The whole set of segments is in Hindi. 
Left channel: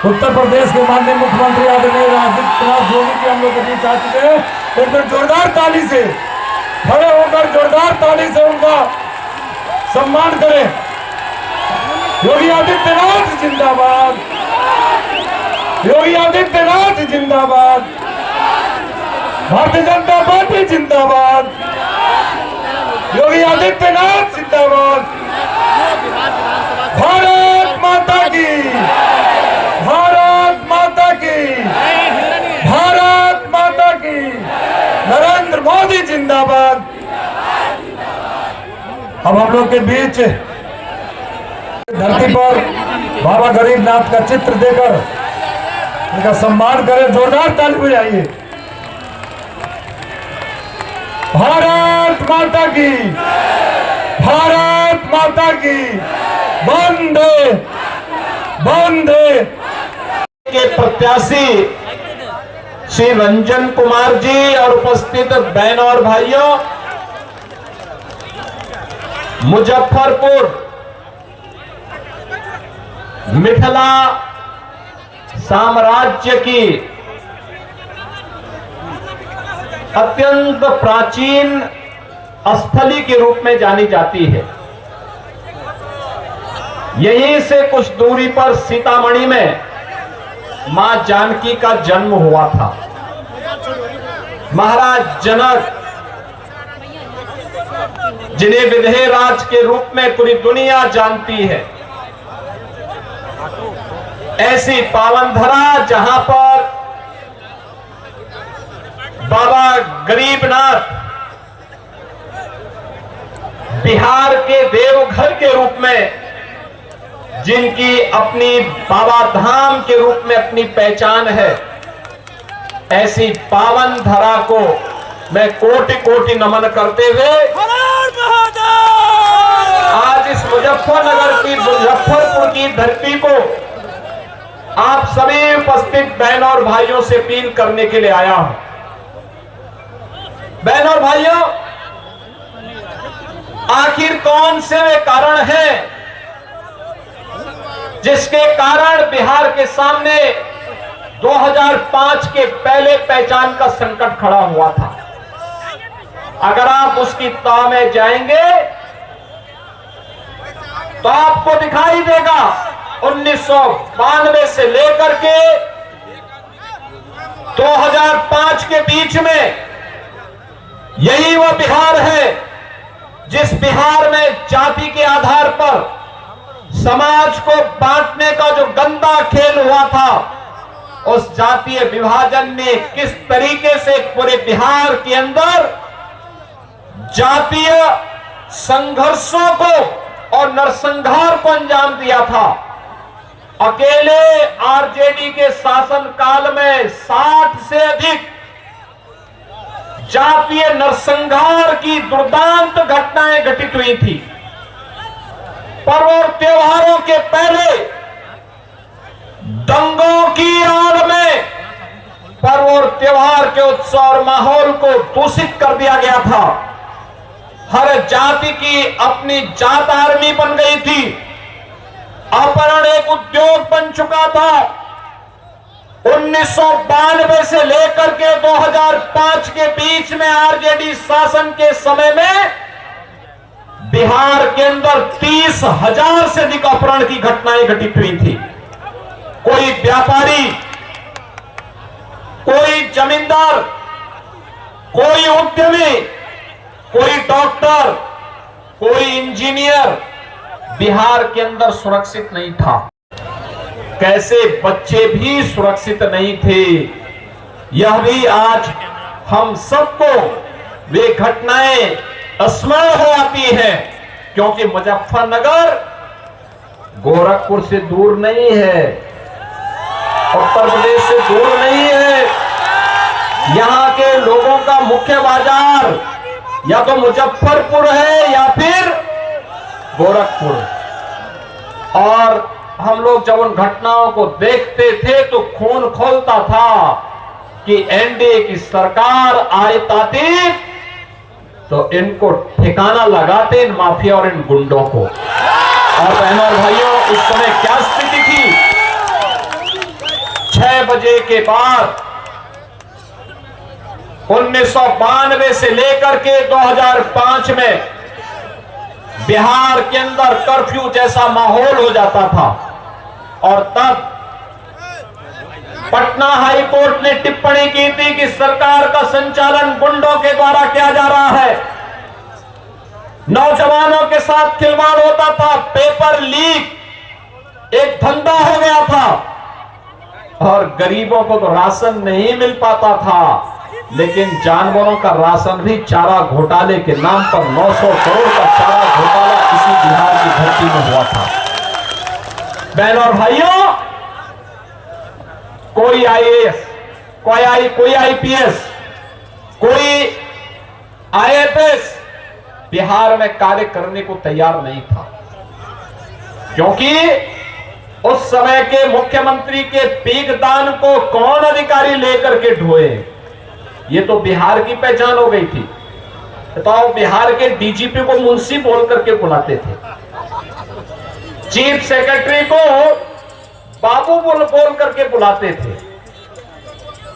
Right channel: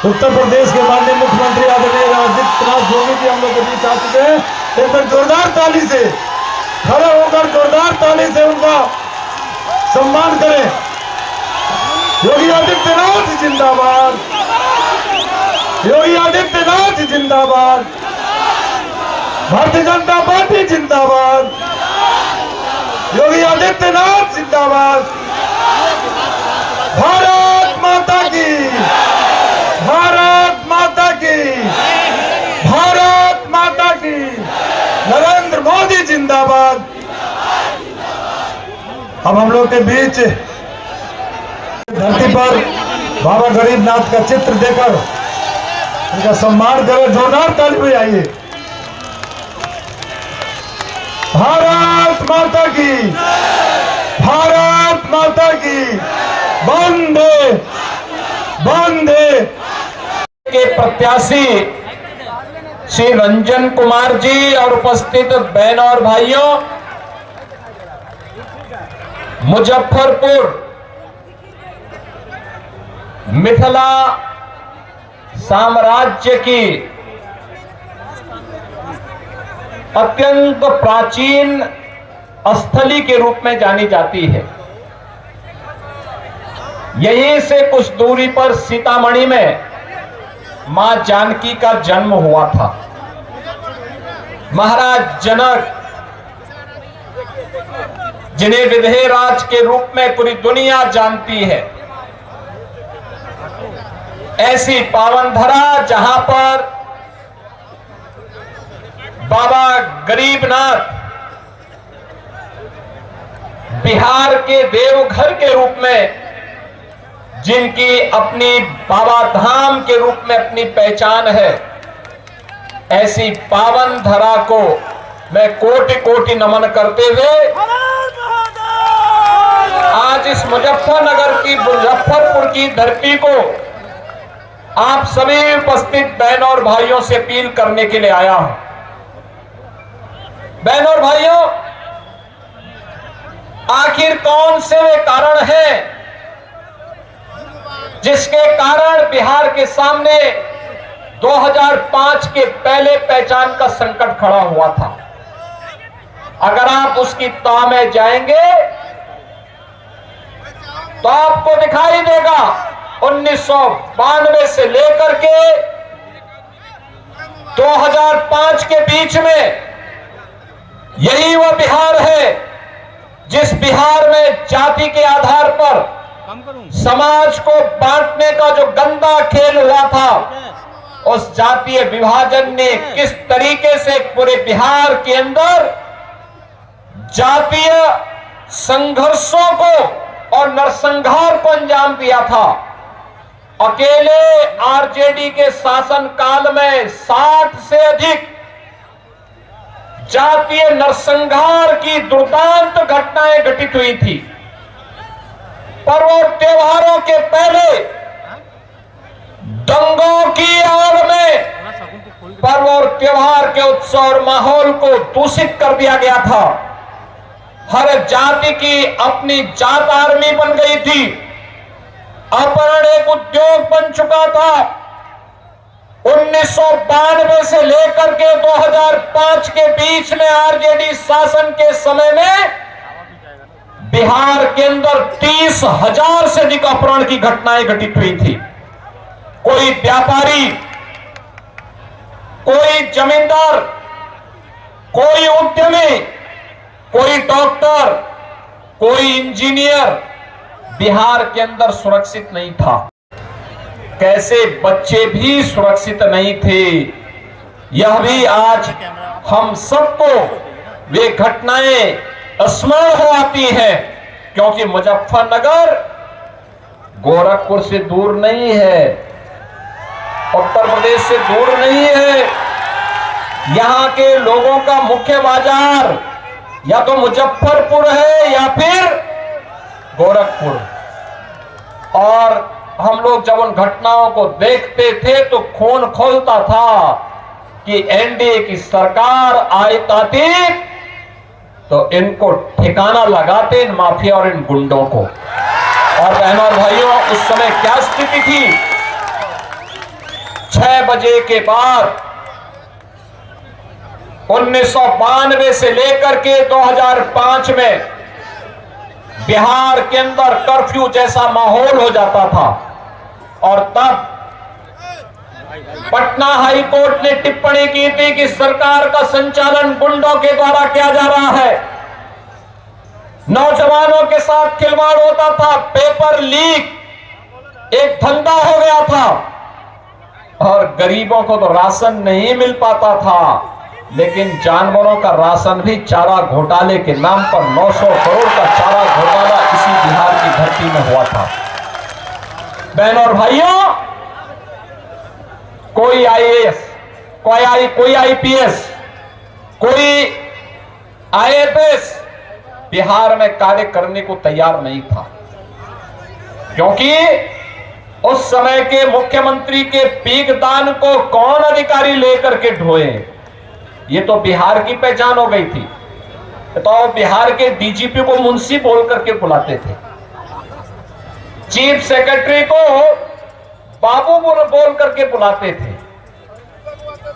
उत्तर प्रदेश के माननीय मुख्यमंत्री आदरणीय आदित्यनाथ योगी जी हम लोग के बीच आ चुके हैं। एक बार जोरदार ताली से खड़े होकर जोरदार ताली से उनका सम्मान करें। योगी आदित्यनाथ जिंदाबाद, योगी आदित्यनाथ जिंदाबाद, भारतीय जनता पार्टी जिंदाबाद, योगी आदित्यनाथ जिंदाबाद। भारत माता की, भारत माता की, भारत माता की, नरेंद्र मोदी जिंदाबाद। अब हम लोग के बीच धरती पर बाबा गरीबनाथ का चित्र देकर उनका सम्मान करें। जोरदार ताली बजाइए। भारत माता की, भारत माता की, वंदे वंदे। के प्रत्याशी श्री रंजन कुमार जी और उपस्थित बहनों और भाइयों, मुजफ्फरपुर मिथिला साम्राज्य की अत्यंत प्राचीन स्थली के रूप में जानी जाती है। यहीं से कुछ दूरी पर सीतामढ़ी में मां जानकी का जन्म हुआ था। महाराज जनक, जिन्हें विधेयराज के रूप में पूरी दुनिया जानती है, ऐसी पावन धरा जहां पर बाबा गरीबनाथ बिहार के देवघर के रूप में, जिनकी अपनी बाबा धाम के रूप में अपनी पहचान है, ऐसी पावन धरा को मैं कोटि कोटि नमन करते हुए आज इस मुजफ्फरपुर की धरती को आप सभी उपस्थित बहनों और भाइयों से अपील करने के लिए आया हूं। बहनों और भाइयों, आखिर कौन से वे कारण हैं जिसके कारण बिहार के सामने 2005 के पहले पहचान का संकट खड़ा हुआ था? अगर आप उसकी तह में जाएंगे तो आपको दिखाई देगा 1992 से लेकर के 2005 के बीच में यही वह बिहार है जिस बिहार में जाति के आधार पर समाज को बांटने का जो गंदा खेल हुआ था, उस जातीय विभाजन ने किस तरीके से पूरे बिहार के अंदर जातीय संघर्षों को और नरसंहार को अंजाम दिया था। अकेले आरजेडी के शासन काल में 60 से अधिक जातीय नरसंहार की दुर्दांत घटनाएं घटित हुई थी। पर्व और त्योहारों के पहले दंगों की आड़ में पर्व और त्योहार के उत्सव और माहौल को दूषित कर दिया गया था। हर जाति की अपनी जात आर्मी बन गई थी। अपहरण एक उद्योग बन चुका था। 1992 से लेकर के 2005 के बीच में आरजेडी शासन के समय में बिहार के अंदर 30,000 से अधिक अपहरण की घटनाएं घटित हुई थी। कोई व्यापारी, कोई जमींदार, कोई उद्यमी, कोई डॉक्टर, कोई इंजीनियर बिहार के अंदर सुरक्षित नहीं था। कैसे बच्चे भी सुरक्षित नहीं थे, यह भी आज हम सबको वे घटनाएं स्मरण हो आती है, क्योंकि मुजफ्फरनगर गोरखपुर से दूर नहीं है, उत्तर प्रदेश से दूर नहीं है। यहां के लोगों का मुख्य बाजार या तो मुजफ्फरपुर है या फिर गोरखपुर। और हम लोग जब उन घटनाओं को देखते थे तो खून खौलता था कि एनडीए की सरकार आती तो इनको ठिकाना लगाते, इन माफिया और इन गुंडों को। और बहनों और भाइयों, उस समय क्या स्थिति थी? 6 बजे के बाद 1992 से लेकर के 2005 में बिहार के अंदर कर्फ्यू जैसा माहौल हो जाता था और तब पटना हाई कोर्ट ने टिप्पणी की थी कि सरकार का संचालन गुंडों के द्वारा किया जा रहा है, नौजवानों के साथ खिलवाड़ होता था, पेपर लीक एक धंधा हो गया था और गरीबों को तो राशन नहीं मिल पाता था, लेकिन जानवरों का राशन भी चारा घोटाले के नाम पर 900 करोड़ का चारा घोटाला इसी बिहार की धरती में हुआ था। बहनों और भाइयों, कोई आईएएस, कोई आईपीएस, कोई आईएफएस बिहार में कार्य करने को तैयार नहीं था, क्योंकि उस समय के मुख्यमंत्री के पीकदान को कौन अधिकारी लेकर के ढोए, ये तो बिहार की पहचान हो गई थी। तो बिहार के डीजीपी को मुंशी बोल करके बुलाते थे, चीफ सेक्रेटरी को बाबू बोल करके बुलाते थे।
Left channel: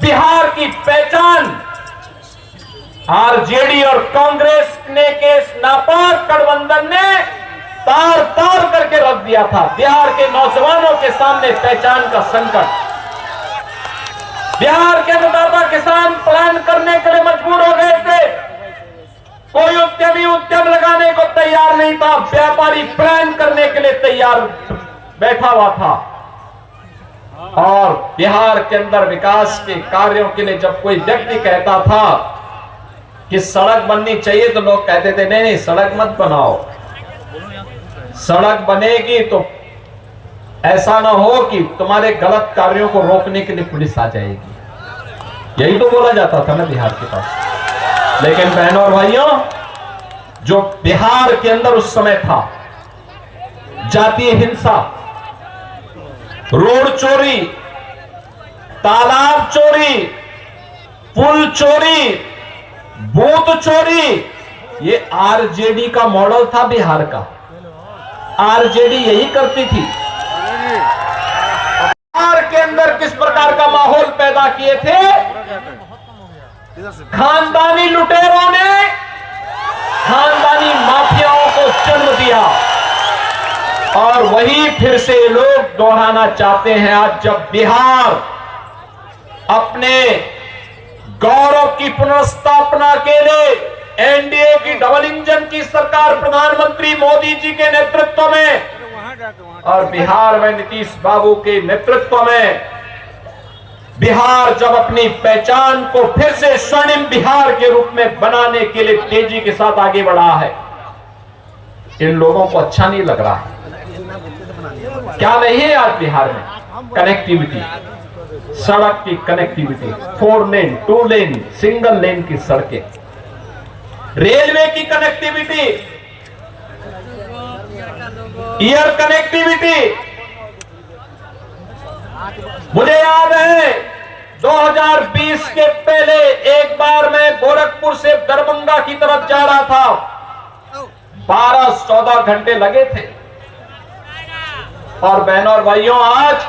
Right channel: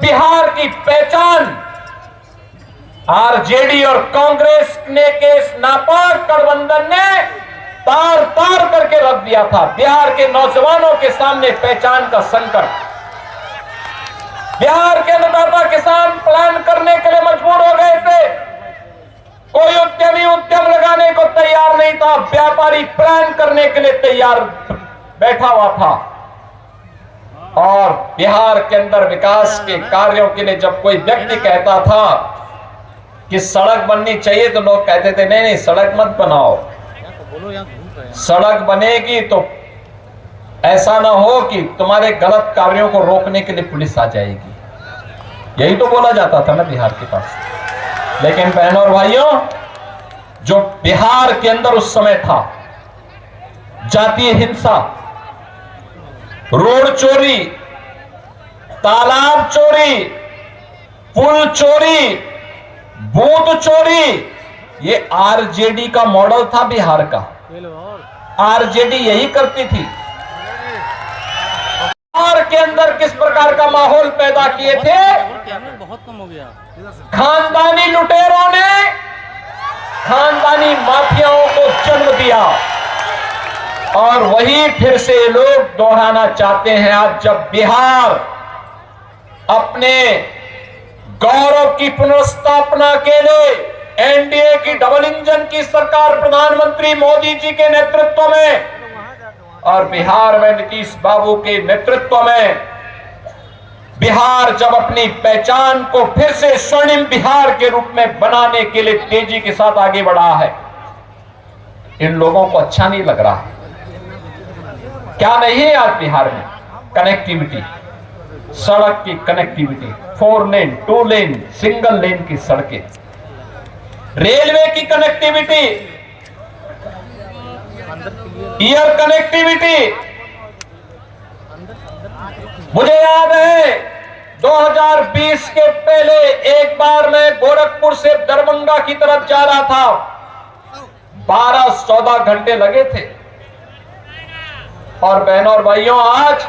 बिहार की पहचान आरजेडी और कांग्रेस ने के नापाक गठबंधन ने तार तार करके रख दिया था। बिहार के नौजवानों के सामने पहचान का संकट, बिहार के अन्नदाता किसान प्लान करने के लिए मजबूर हो गए थे। कोई उद्यमी उद्यम लगाने को तैयार नहीं था, व्यापारी प्लान करने के लिए तैयार बैठा हुआ था। और बिहार के अंदर विकास के कार्यों के लिए जब कोई व्यक्ति कहता था कि सड़क बननी चाहिए, तो लोग कहते थे नहीं नहीं सड़क मत बनाओ, सड़क बनेगी तो ऐसा ना हो कि तुम्हारे गलत कार्यों को रोकने के लिए पुलिस आ जाएगी। यही तो बोला जाता था ना बिहार के पास। लेकिन बहनों और भाइयों, जो बिहार के अंदर उस समय था, जातीय हिंसा, रोड चोरी, तालाब चोरी, पुल चोरी, बूथ चोरी, ये आरजेडी का मॉडल था बिहार का। आरजेडी यही करती थी। बिहार के अंदर किस प्रकार का माहौल पैदा किए थे? खानदानी लुटेरों ने खानदानी माफियाओं को जन्म दिया और वही फिर से लोग दोहराना चाहते हैं। आज जब बिहार अपने गौरव की पुनर्स्थापना के लिए एनडीए की डबल इंजन की सरकार प्रधानमंत्री मोदी जी के नेतृत्व में और बिहार में नीतीश बाबू के नेतृत्व में बिहार जब अपनी पहचान को फिर से स्वर्णिम बिहार के रूप में बनाने के लिए तेजी के साथ आगे बढ़ा है, इन लोगों को अच्छा नहीं लग रहा। क्या नहीं है आज बिहार में? कनेक्टिविटी, सड़क की कनेक्टिविटी, 4 लेन, 2 लेन, सिंगल लेन की सड़कें, रेलवे की कनेक्टिविटी, एयर कनेक्टिविटी। मुझे याद है 2020 के पहले एक बार मैं गोरखपुर से दरभंगा की तरफ जा रहा था, 12-14 घंटे लगे थे। और बहनों और भाइयों, आज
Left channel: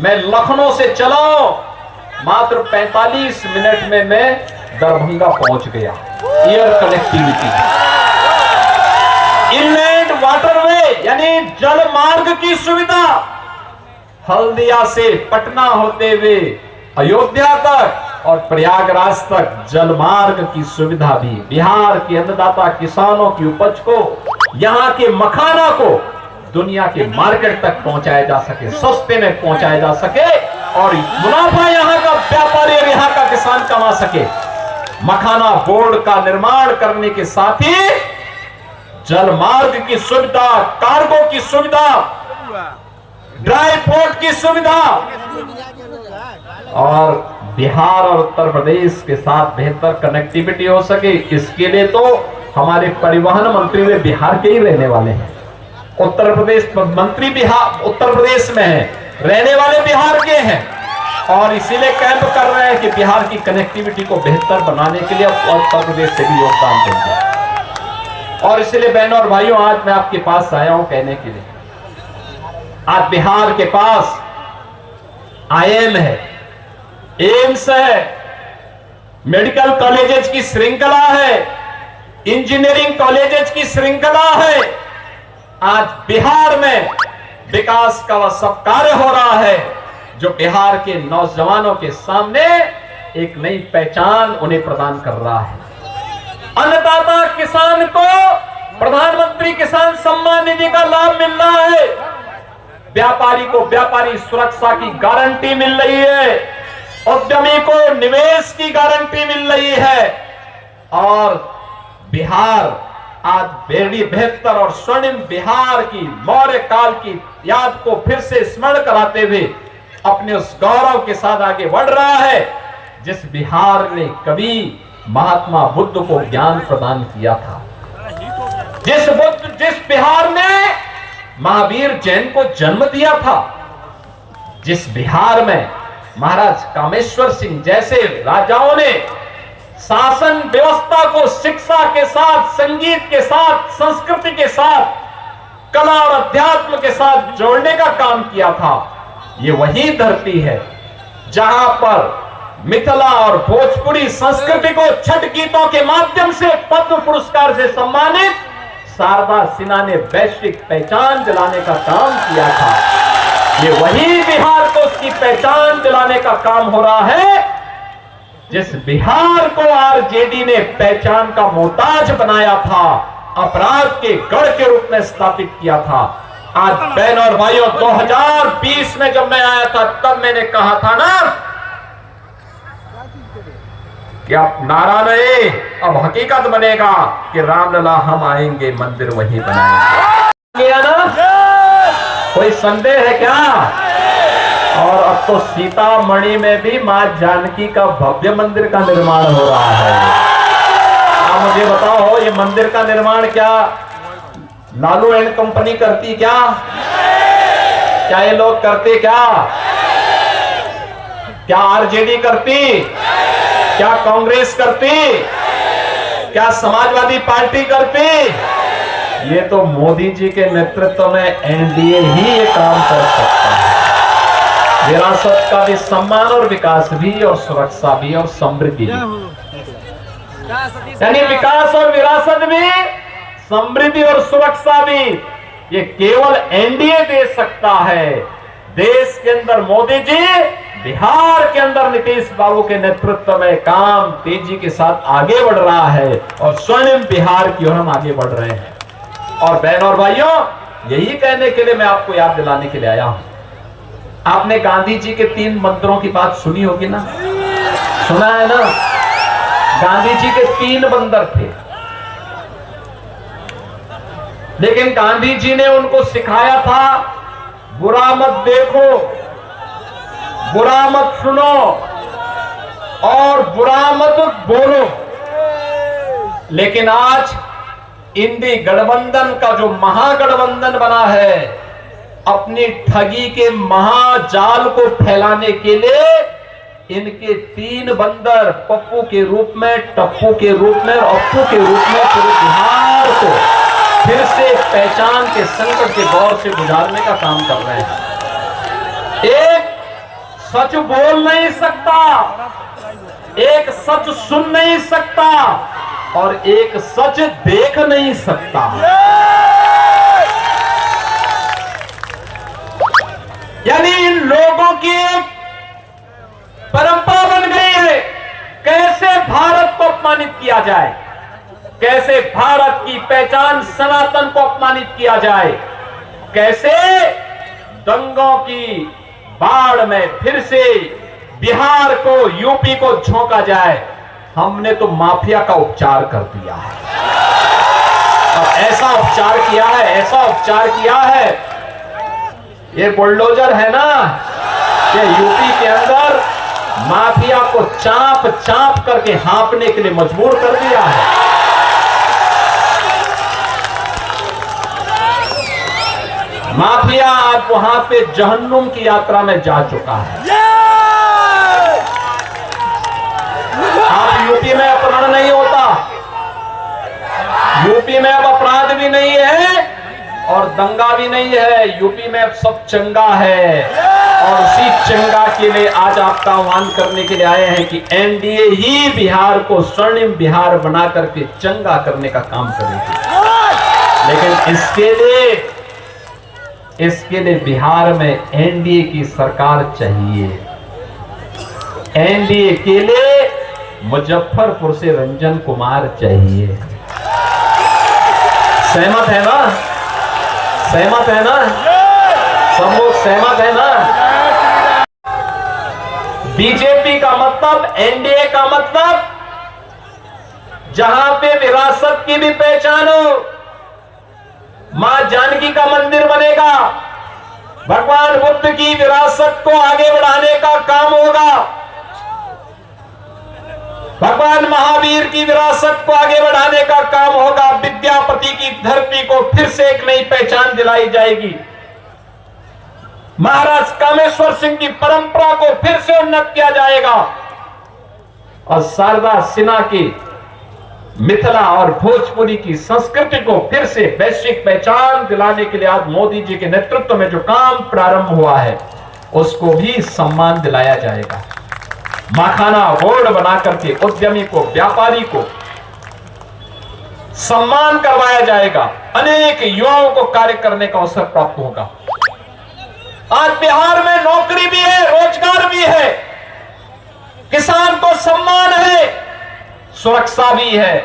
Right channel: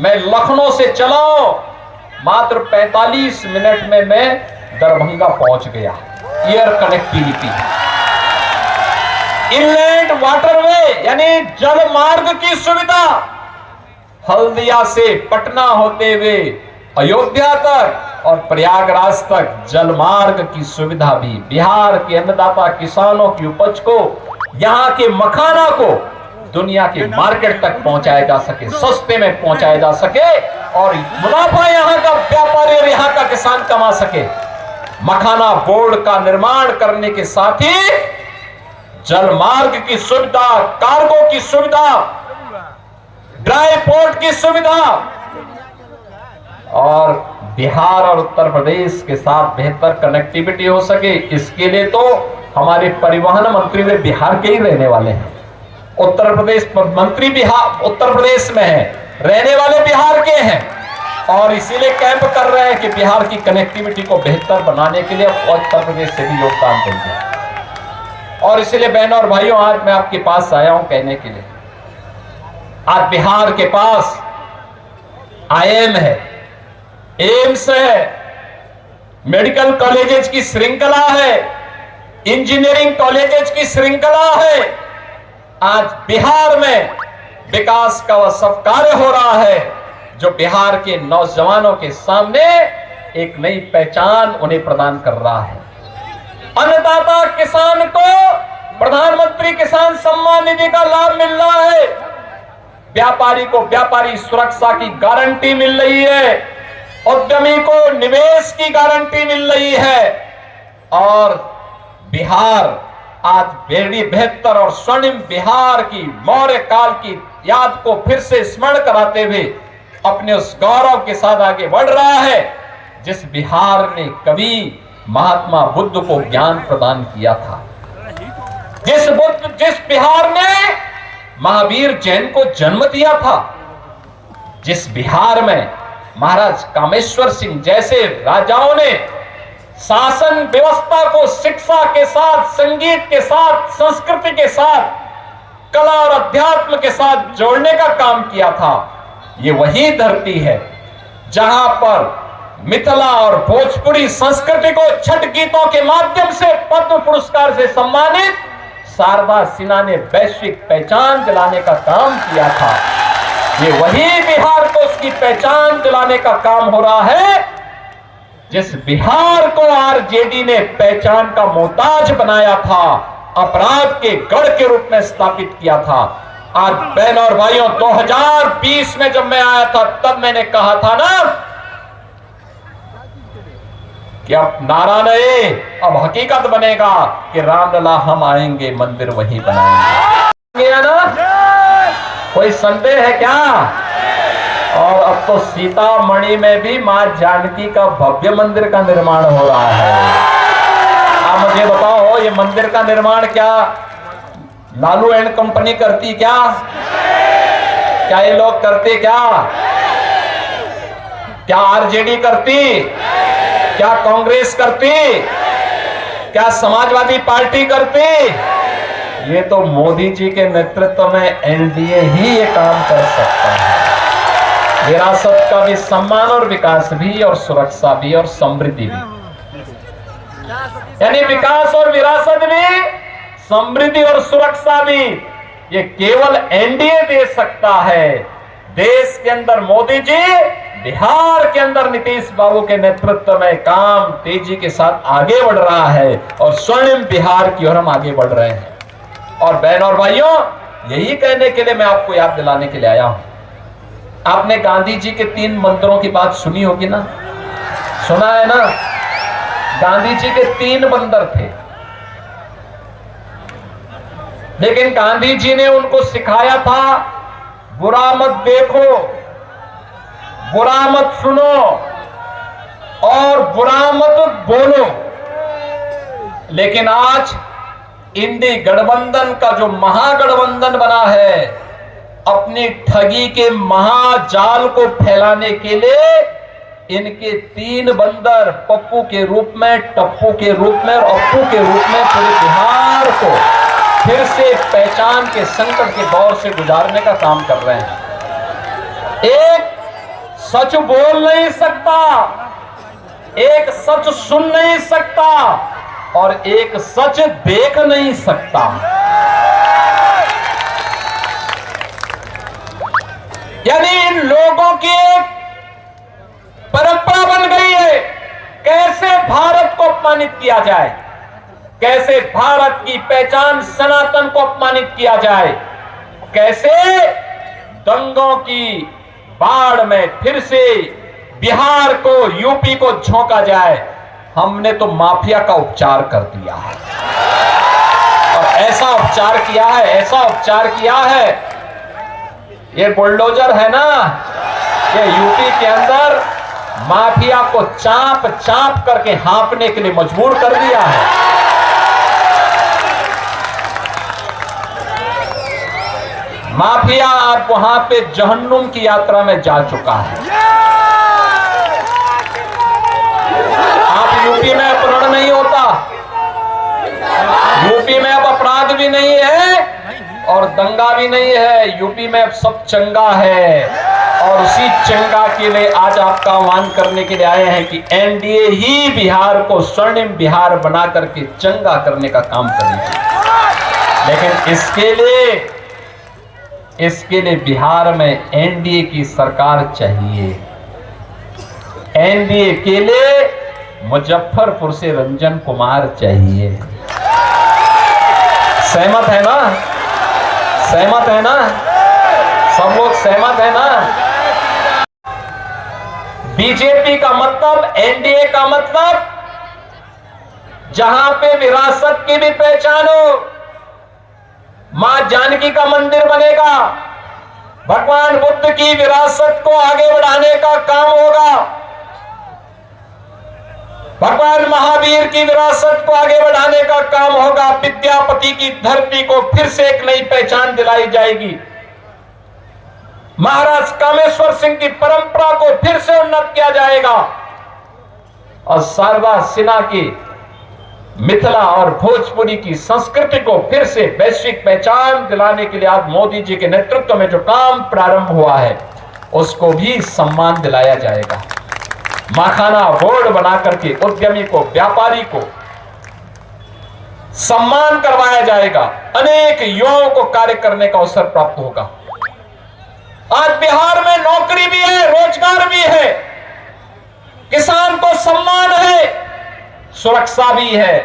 मैं लखनऊ से चला हूं, मात्र 45 मिनट में मैं दरभंगा पहुंच गया। एयर कनेक्टिविटी, इनलैंड वाटरवे यानी जल मार्ग की सुविधा, हल्दिया से पटना होते हुए अयोध्या तक और प्रयागराज तक जल मार्ग की सुविधा भी। बिहार के अन्नदाता किसानों की उपज को, यहां के मखाना को दुनिया के मार्केट तक पहुंचाया जा सके, सस्ते में पहुंचाया जा सके और मुनाफा यहां का व्यापारी और यहां का किसान कमा सके। मखाना बोर्ड का निर्माण करने के साथ ही जल मार्ग की सुविधा, कार्गो की सुविधा, ड्राई पोर्ट की सुविधा और बिहार और उत्तर प्रदेश के साथ बेहतर कनेक्टिविटी हो सके, इसके लिए तो हमारे परिवहन मंत्री वे बिहार के ही रहने वाले हैं। उत्तर प्रदेश मंत्री बिहार उत्तर प्रदेश में है, रहने वाले बिहार के हैं और इसीलिए कैंप कर रहे हैं कि बिहार की कनेक्टिविटी को बेहतर बनाने के लिए उत्तर प्रदेश से भी योगदान देंगे। और इसलिए बहनों और भाइयों, आज मैं आपके पास आया हूं कहने के लिए, आज बिहार के पास आईएम है, एम्स है, मेडिकल कॉलेजेस की श्रृंखला है, इंजीनियरिंग कॉलेजेस की श्रृंखला है। आज बिहार में विकास का वह सब कार्य हो रहा है जो बिहार के नौजवानों के सामने एक नई पहचान उन्हें प्रदान कर रहा है। अन्नदाता किसान को प्रधानमंत्री किसान सम्मान निधि का लाभ मिल रहा है, व्यापारी को व्यापारी सुरक्षा की गारंटी मिल रही है, उद्यमी को निवेश की गारंटी मिल रही है और बिहार आज बेहद बेहतर और स्वर्णिम बिहार की मौर्य काल की याद को फिर से स्मरण कराते हुए अपने उस गौरव के साथ आगे बढ़ रहा है जिस बिहार ने कभी महात्मा बुद्ध को ज्ञान प्रदान किया था, जिस बिहार ने महावीर जैन को जन्म दिया था, जिस बिहार में महाराज कामेश्वर सिंह जैसे राजाओं ने शासन व्यवस्था को शिक्षा के साथ, संगीत के साथ, संस्कृति के साथ, कला और अध्यात्म के साथ जोड़ने का काम किया था। ये वही धरती है जहां पर मिथिला और भोजपुरी संस्कृति को छठ गीतों के माध्यम से पद्म पुरस्कार से सम्मानित शारदा सिन्हा ने वैश्विक पहचान दिलाने का काम किया था। ये वही बिहार को उसकी पहचान दिलाने का काम हो रहा है जिस बिहार को आरजेडी ने पहचान का मोहताज बनाया था, अपराध के गढ़ के रूप में स्थापित किया था। आज बहनों और भाइयों, 2020 में जब मैं आया था तब मैंने कहा था ना कि अब नारा नहीं, अब हकीकत बनेगा कि रामलला हम आएंगे, मंदिर वही बनाएंगे। गया ना, कोई संदेह है क्या? और अब तो सीतामढ़ी में भी मां जानकी का भव्य मंदिर का निर्माण हो रहा है। आप मुझे बताओ, ये मंदिर का निर्माण क्या लालू एंड कंपनी करती क्या? क्या ये लोग करते क्या? क्या आरजेडी करती? क्या कांग्रेस करती? क्या समाजवादी पार्टी करती? ये तो मोदी जी के नेतृत्व में एनडीए ही ये काम कर सकता है। विरासत का भी सम्मान और विकास भी और सुरक्षा भी और समृद्धि भी, यानी विकास और विरासत भी, समृद्धि और सुरक्षा भी, ये केवल एनडीए दे सकता है। देश के अंदर मोदी जी, बिहार के अंदर नीतीश बाबू के नेतृत्व में काम तेजी के साथ आगे बढ़ रहा है और स्वर्णिम बिहार की ओर हम आगे बढ़ रहे हैं। और बहनों और भाइयों, यही कहने के लिए मैं आपको याद दिलाने के लिए आया हूं। आपने गांधी जी के 3 मंदिरों की बात सुनी होगी ना, सुना है ना? गांधी जी के 3 बंदर थे, लेकिन गांधी जी ने उनको सिखाया था बुरा मत देखो, बुरा मत सुनो और बुरा मत बोलो। लेकिन आज इंडी गठबंधन का जो महागठबंधन बना है, अपनी ठगी के महाजाल को फैलाने के लिए इनके 3 बंदर पप्पू के रूप में, टप्पू के रूप में और अप्पू के रूप में पूरे बिहार को फिर से पहचान के संकट के दौर से गुजारने का काम कर रहे हैं। एक सच बोल नहीं सकता, एक सच सुन नहीं सकता और एक सच देख नहीं सकता। यानी इन लोगों की एक परंपरा बन गई है, कैसे भारत को अपमानित किया जाए, कैसे भारत की पहचान सनातन को अपमानित किया जाए, कैसे दंगों की बाढ़ में फिर से बिहार को, यूपी को झोंका जाए। हमने तो माफिया का उपचार कर दिया है और ऐसा उपचार किया है, ऐसा उपचार किया है। ये बुलडोजर है ना, ये यूपी के अंदर माफिया को चाप चाप करके हाँपने के लिए मजबूर कर दिया है। माफिया आज वहां पे जहन्नुम की यात्रा में जा चुका है। आप यूपी में अपहरण नहीं होता, यूपी में अब अपराध भी नहीं है और दंगा भी नहीं है, यूपी में अब सब चंगा है। और उसी चंगा के लिए आज आपका आह्वान करने के लिए आए हैं कि एनडीए ही बिहार को स्वर्णिम बिहार बना करके चंगा करने का काम करेगी। लेकिन इसके लिए बिहार में एनडीए की सरकार चाहिए। एनडीए के लिए मुजफ्फरपुर से रंजन कुमार चाहिए। सहमत है ना? सहमत है ना? सब लोग सहमत है ना? बीजेपी का मतलब, एनडीए का मतलब, जहां पे विरासत की भी पहचान हो, मां जानकी का मंदिर बनेगा, भगवान बुद्ध की विरासत को आगे बढ़ाने का काम होगा, भगवान महावीर की विरासत को आगे बढ़ाने का काम होगा, विद्यापति की धरती को फिर से एक नई पहचान दिलाई जाएगी, महाराज कामेश्वर सिंह की परंपरा को फिर से उन्नत किया जाएगा और शारदा सिन्हा की मिथिला और भोजपुरी की संस्कृति को फिर से वैश्विक पहचान दिलाने के लिए आज मोदी जी के नेतृत्व में जो काम प्रारंभ हुआ है उसको भी सम्मान दिलाया जाएगा। माखाना बोर्ड बना करके उद्यमी को, व्यापारी को सम्मान करवाया जाएगा, अनेक युवाओं को कार्य करने का अवसर प्राप्त होगा। आज बिहार में नौकरी भी है, रोजगार भी है, किसान को सम्मान है, सुरक्षा भी है।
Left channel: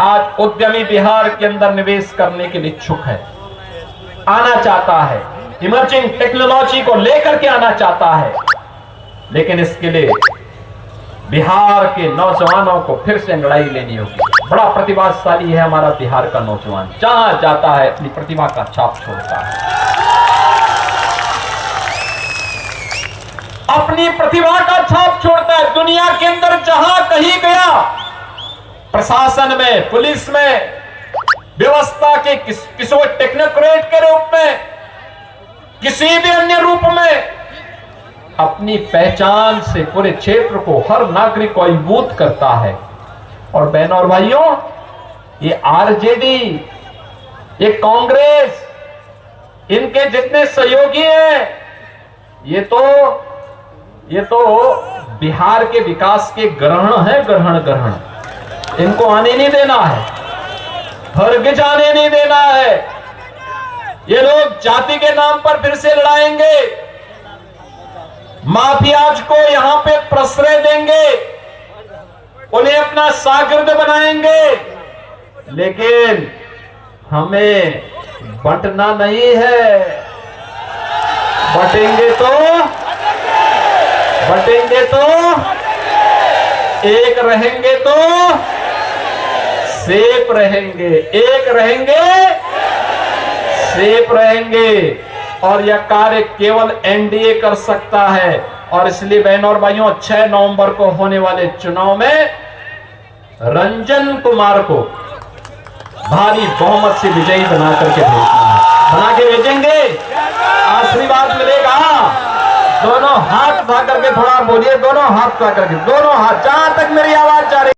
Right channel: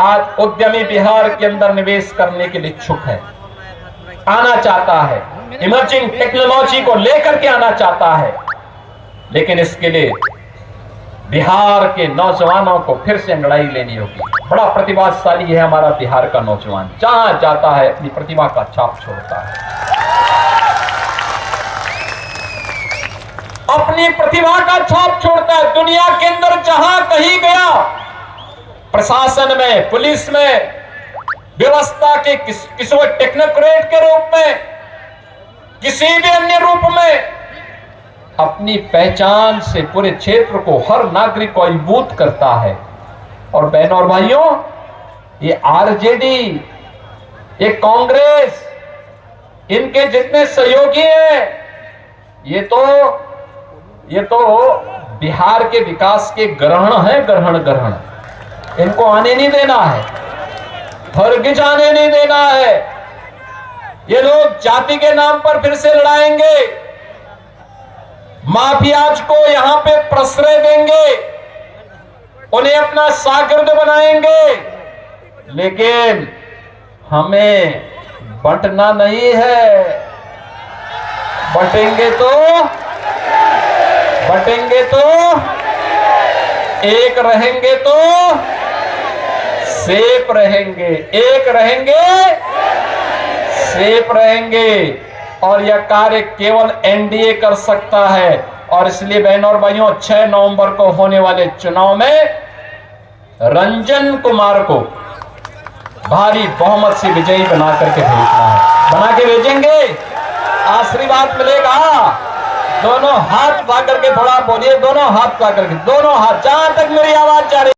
आज उद्यमी बिहार के अंदर निवेश करने के लिए इच्छुक है, आना चाहता है, इमर्जिंग टेक्नोलॉजी को लेकर के आना चाहता है। लेकिन इसके लिए बिहार के नौजवानों को फिर से अंगड़ाई लेनी होगी। बड़ा प्रतिभाशाली है हमारा बिहार का नौजवान, जहां जाता है अपनी प्रतिभा का छाप छोड़ता है, अपनी प्रतिभा का छाप छोड़ता है। दुनिया के अंदर जहां कहीं गया, प्रशासन में, पुलिस में, व्यवस्था के किसी टेक्नोक्रेट के रूप में, किसी भी अन्य रूप में अपनी पहचान से पूरे क्षेत्र को, हर नागरिक को अभिभूत करता है। और बहनों और भाइयों, ये आरजेडी, ये कांग्रेस, इनके जितने सहयोगी हैं, ये तो बिहार के विकास के ग्रहण है, ग्रहण। इनको आने नहीं देना है, हरगिज आने नहीं देना है। ये लोग जाति के नाम पर फिर से लड़ाएंगे, माफियाज को यहां पे प्रश्रय देंगे, उन्हें अपना शागिर्द बनाएंगे। लेकिन हमें बंटना नहीं है, बटेंगे तो एक रहेंगे तो सेफ रहेंगे, एक रहेंगे सेफ रहेंगे। और यह कार्य केवल एनडीए कर सकता है। और इसलिए बहनों और भाइयों, 6 नवंबर को होने वाले चुनाव में रंजन कुमार को भारी बहुमत से विजयी बना करके भेजना है। बना के भेजेंगे, आशीर्वाद मिलेगा। दोनों हाथ उठा करके थोड़ा बोलिए, दोनों हाथ उठा करके, दोनों हाथ, जहां तक मेरी आवाज जा रही